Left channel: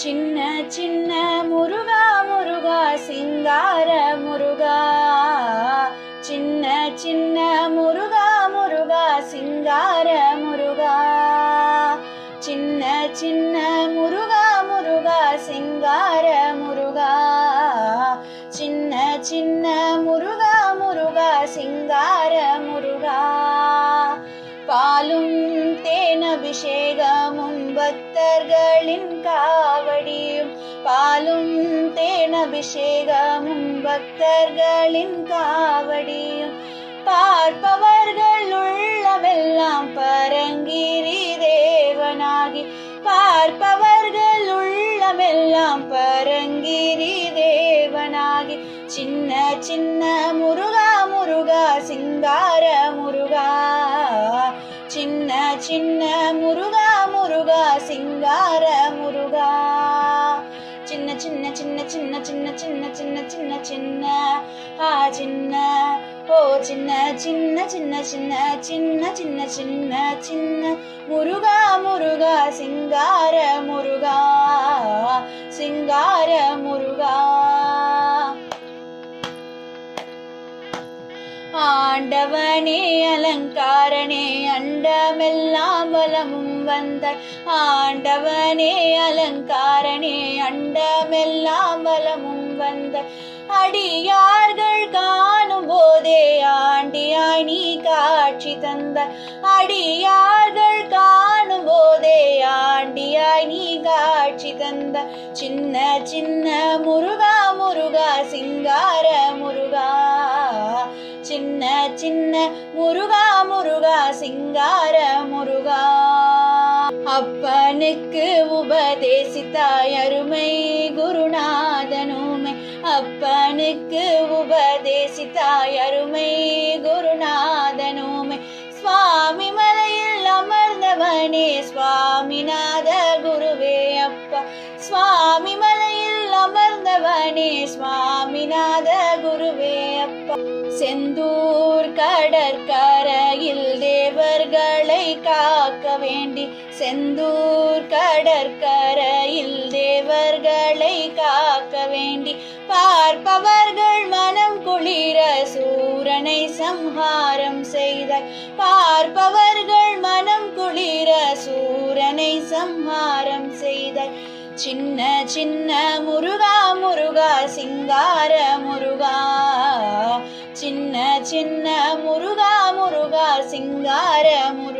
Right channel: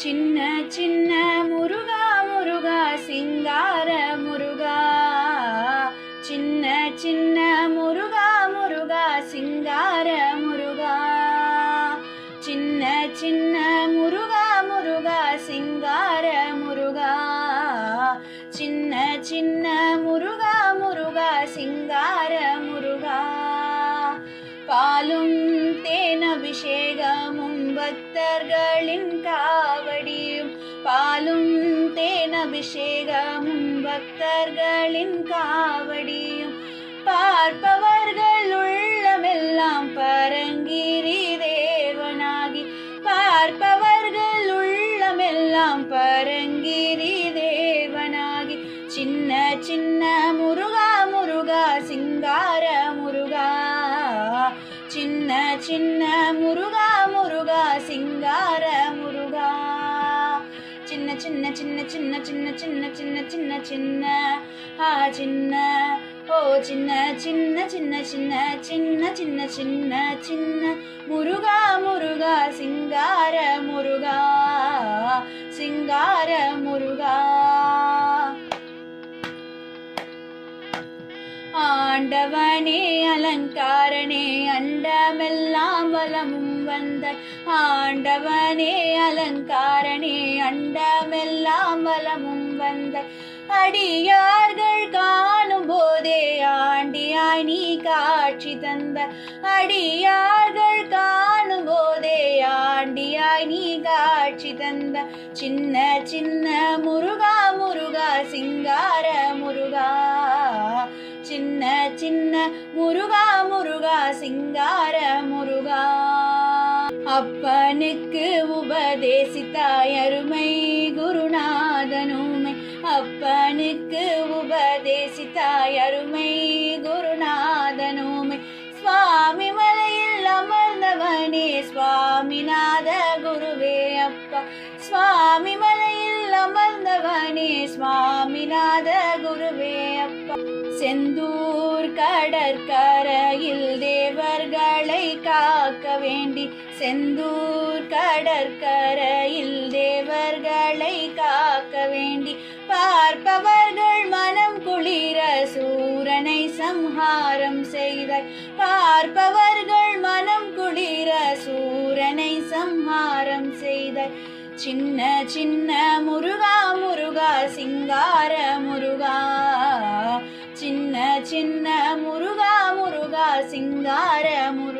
சின்ன சின்ன முருகா முருகா சிங்கார முருகா, சின்ன சின்ன முருகா முருகா சிங்கார முருகா, சின்ன சின்ன முருகா முருகா சிங்கார முருகா, சின்ன சின்ன முருகா முருகா சிங்கார முருகா. பாலும் தேனபிஷேகமும் பக்தர்களின் காவடியும், பாலும் தேனபிஷேகமும் பக்தர்களின் காவடியும், பார்ப்பவர்கள் உள்ளமெல்லாம் பரங்கிரி தேவனாகி, பார்ப்பவர்கள் உள்ளமெல்லாம் பரங்கிரி தேவனாகி, சின்ன சின்ன முருகா முருகா சிங்கார முருகா, சின்ன சின்ன முருகா முருகா சிங்கார முருகா. சின்ன சின்ன சின்ன சின்ன சின்ன சின்ன சின்ன சின்ன சின்ன சின்ன ஓ சின்ன சின்ன சின்ன சின்ன சின்ன சின்ன சின்ன சின்ன முருகா முருகா சிங்கார முருகா, சிங்கார முருகா. ஆண்டவனே அலங்காரனே அண்டமெல்லாம் வலமும் வந்தாய், ஆண்டவனே அலங்காரனே அண்டமெல்லாம் வலமும் வந்தாய், அடியார்கள் காணும் போதே ஆண்டியாய் நீ காட்சி தந்தாய், அடியார்கள் காணும் போதே ஆண்டியாய் நீ காட்சி தந்தாய், சின்ன சின்ன முருகா முருகா சிங்கார முருகா, சின்ன சின்ன முருகா முருகா சிங்கார முருகா. அப்பனுக்கு உபதேசித்தாய் அருமை குருநாதனுமே, அப்பனுக்கு உபதேசித்தாய் அருமை குருநாதனுமே, சுவாமி மலையில் அமர்ந்தவனே சுவாமிநாத குருவே அப்பா, சுவாமி மலையில் அமர்ந்தவனே சுவாமிநாத குருவே அப்பா. செந்தூர் கடற்கரையில் தேவர்களை காக்க வேண்டி, செந்தூர் கடற்கரையில் தேவர்களை காக்க வேண்டி, பார்ப்பவர்கள் மனம் குளிர சூரனை சம்ஹாரம் செய்தார், பார்ப்பவர்கள் மனம் குளிர சூரனை சம்ஹாரம் செய்தார், சின்ன சின்ன முருகா முருகா சிங்கார முருகா, சின்ன சின்ன முருகா முருகா சிங்கார முருகா.